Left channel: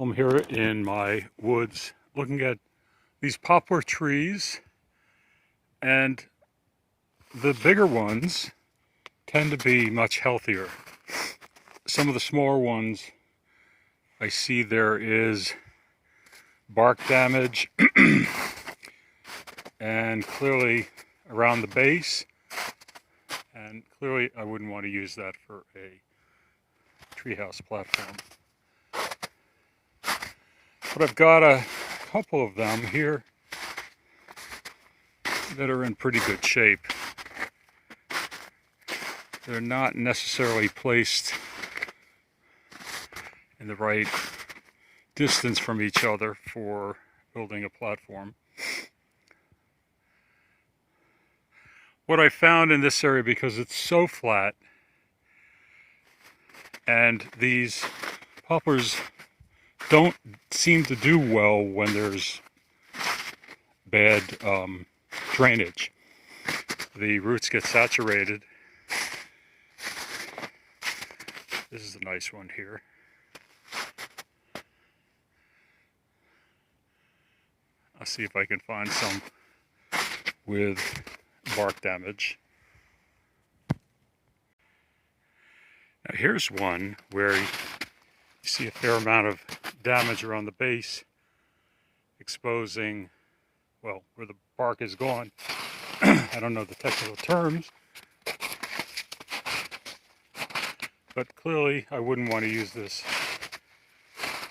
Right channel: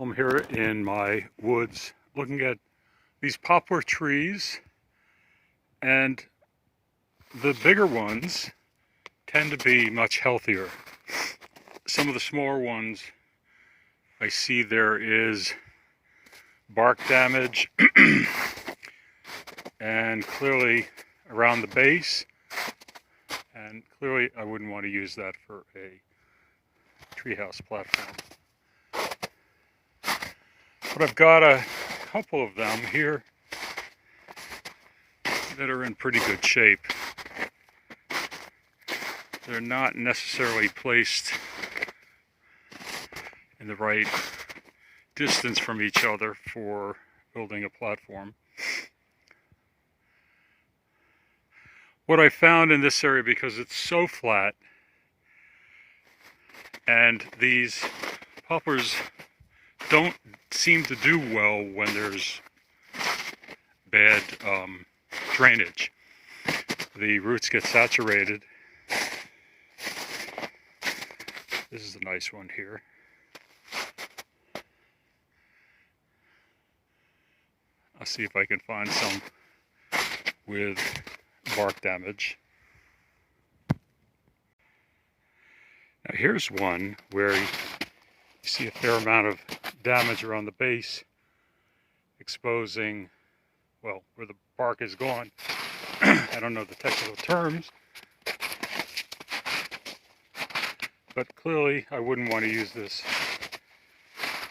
I'm here in my woods looking at these poplar trees, and the bigger ones tend to be much healthier. Some of the smaller ones, I see there is bark damage and clearly around the base, and clearly I wouldn't want to use that for a treehouse platform. But I've got a couple of them here that are in pretty good shape. They're not necessarily placed in the right distance from each other for building a platform. What I found in this area, because it's so flat, and these poplars don't seem to do well when there's bad drainage. The roots get saturated. This is a nice one here. I'll see if I can find some with bark damage. Now here's one where you see a fair amount of damage around the base, exposing, well, where the bark is gone. I don't know the technical terms, but clearly I wouldn't want to use this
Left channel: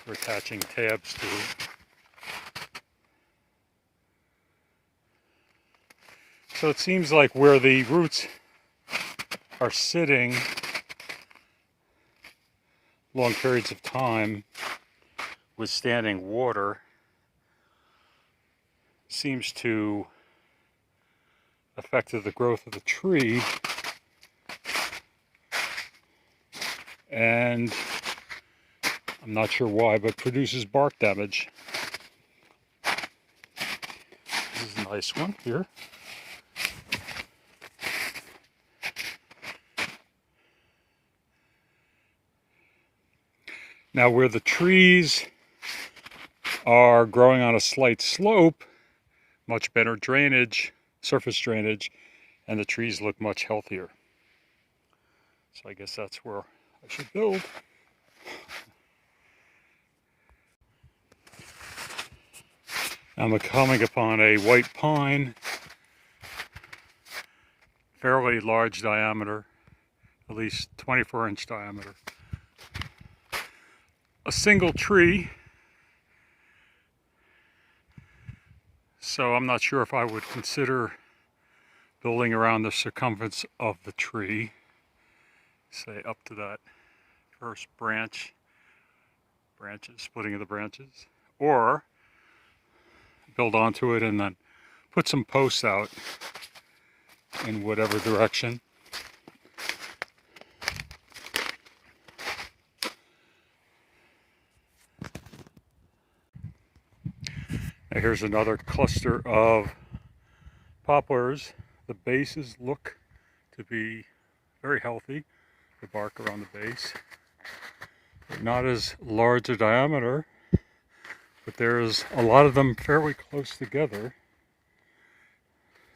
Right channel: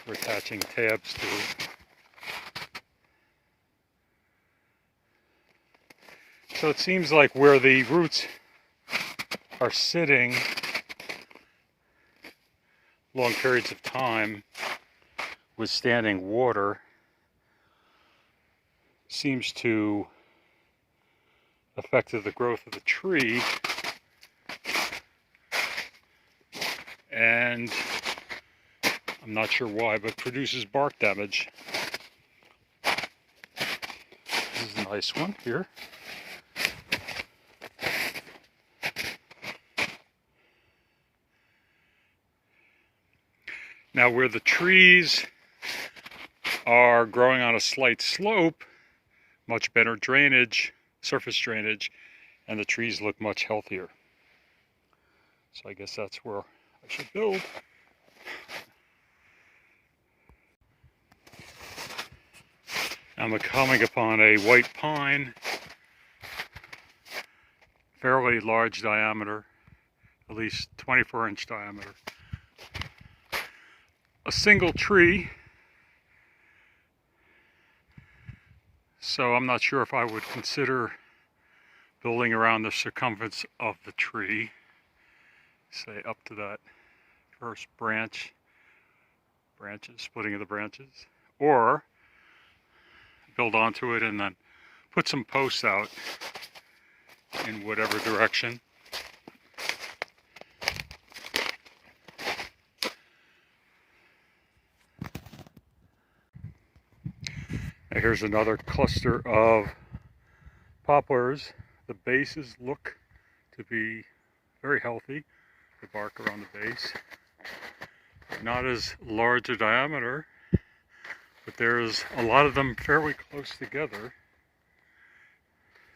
for attaching tabs to. So it seems like where the roots are sitting long periods of time withstanding water seems to affect the growth of the tree, and I'm not sure why, but produces bark damage. This is a nice one here. Now where the trees are growing on a slight slope, much better drainage, surface drainage, and the trees look much healthier. So I guess that's where I should build. I'm coming upon a white pine, fairly large diameter, at least 24-inch diameter. A single tree, so I'm not sure if I would consider building around the circumference of the tree, say up to that first branches, splitting of the branches, or build onto it and then put some posts out in whatever direction. Now here's another cluster of poplars. The bases look to be very healthy, the bark around the base. Not as large a diameter, but there's a lot of them fairly close together.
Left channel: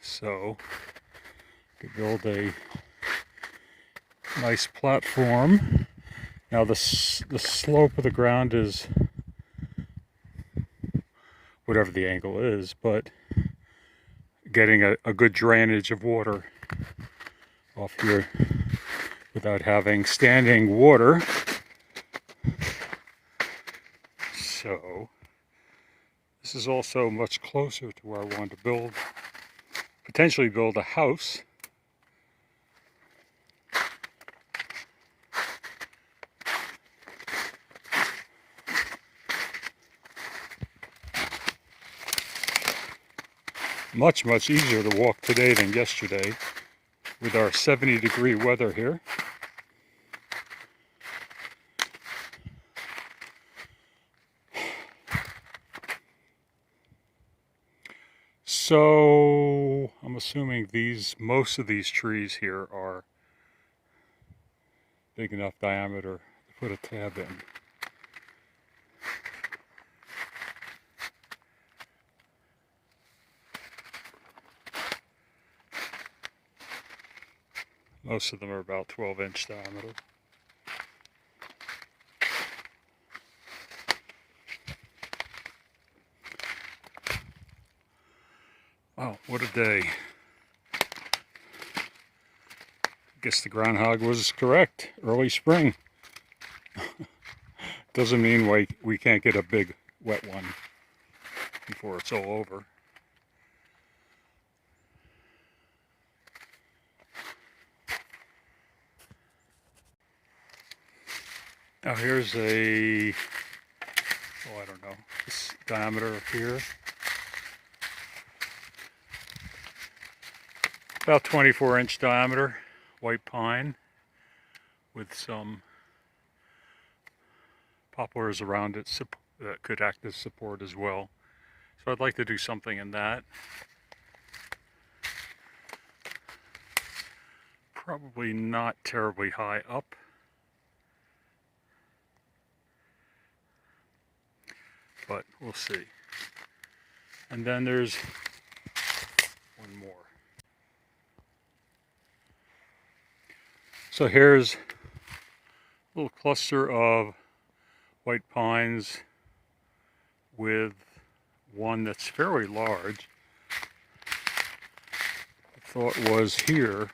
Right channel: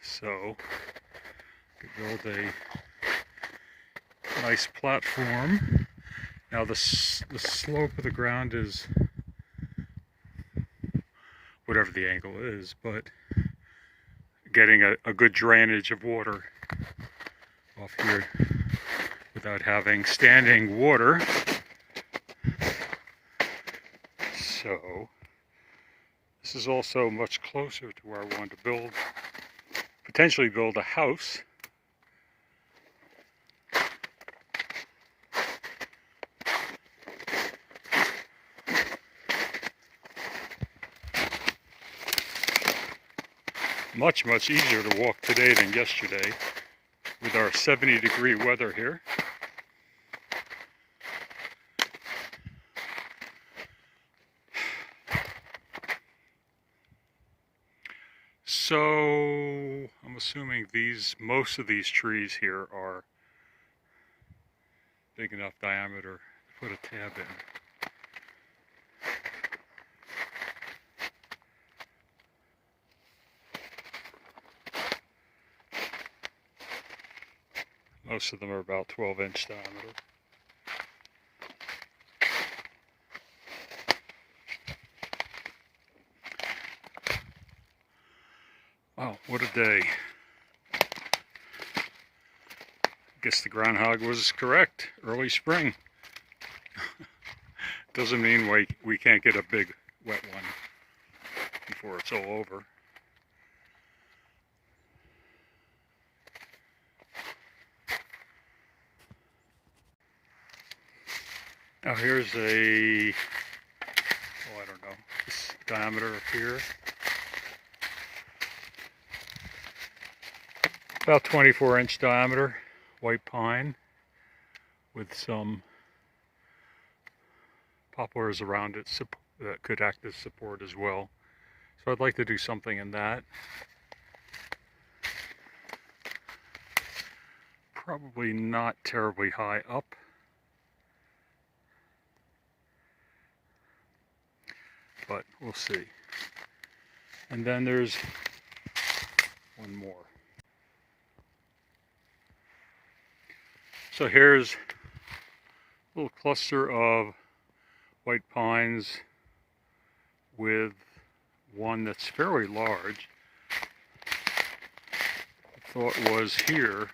So you could build a nice platform. Now the slope of the ground is whatever the angle is, but getting a good drainage of water off here without having standing water. So this is also much closer to where I want to potentially build a house. Much easier to walk today than yesterday with our 70-degree weather here. So I'm assuming most of these trees here are big enough diameter to put a tab in. Most of them are about 12-inch diameter. Wow, what a day. I guess the groundhog was correct. Early spring. Doesn't mean we can't get a big wet one before it's all over. Now here's a, I don't know, this diameter up here. About 24-inch diameter, white pine with some poplars around it that could act as support as well. So I'd like to do something in that. Probably not terribly high up. But we'll see. And then there's one more. So here's a little cluster of white pines with one that's fairly large. The thought was here,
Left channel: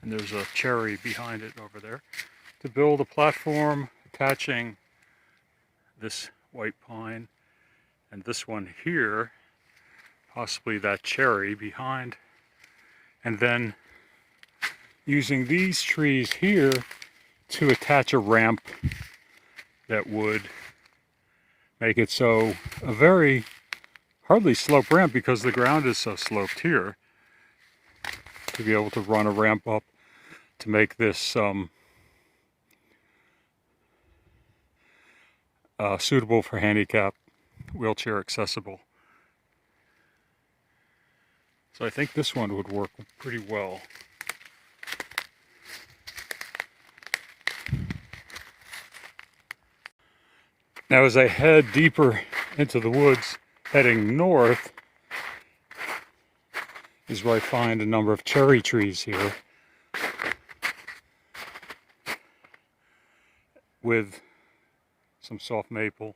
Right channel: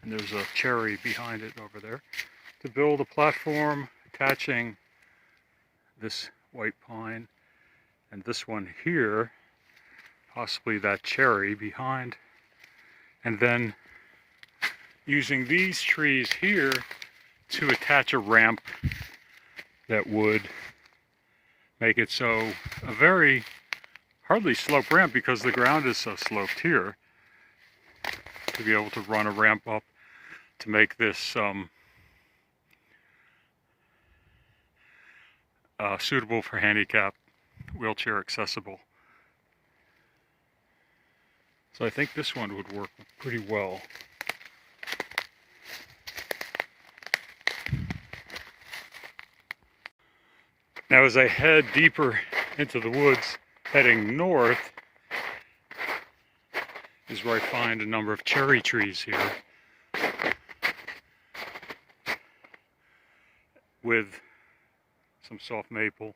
and there's a cherry behind it over there, to build a platform attaching this white pine and this one here, possibly that cherry behind, and then using these trees here to attach a ramp that would make it so a very hardly sloped ramp, because the ground is so sloped here, to be able to run a ramp up to make this suitable for handicap, wheelchair accessible. So I think this one would work pretty well. Now as I head deeper into the woods, heading north, is where I find a number of cherry trees here, with some soft maple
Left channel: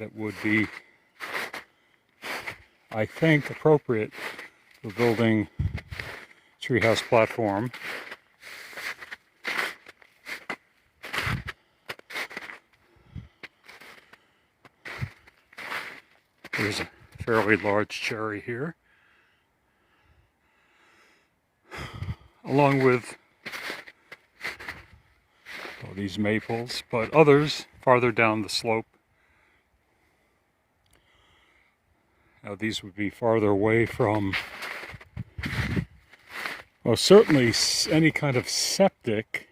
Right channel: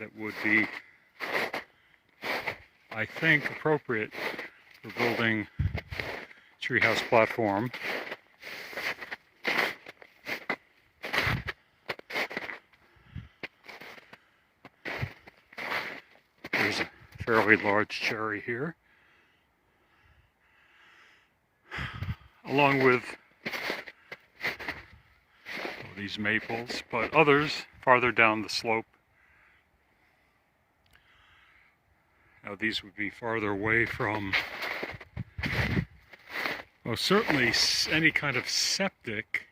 that would be, I think, appropriate for building a treehouse platform. There's a fairly large cherry here, along with these maples, but others farther down the slope. Now these would be farther away from, well, certainly any kind of septic,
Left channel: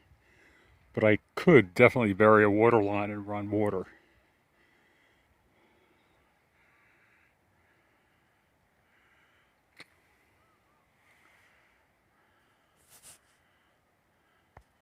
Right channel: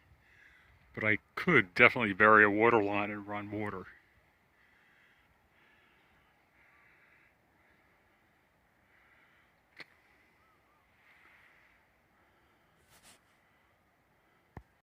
but I could definitely bury a water line and run water.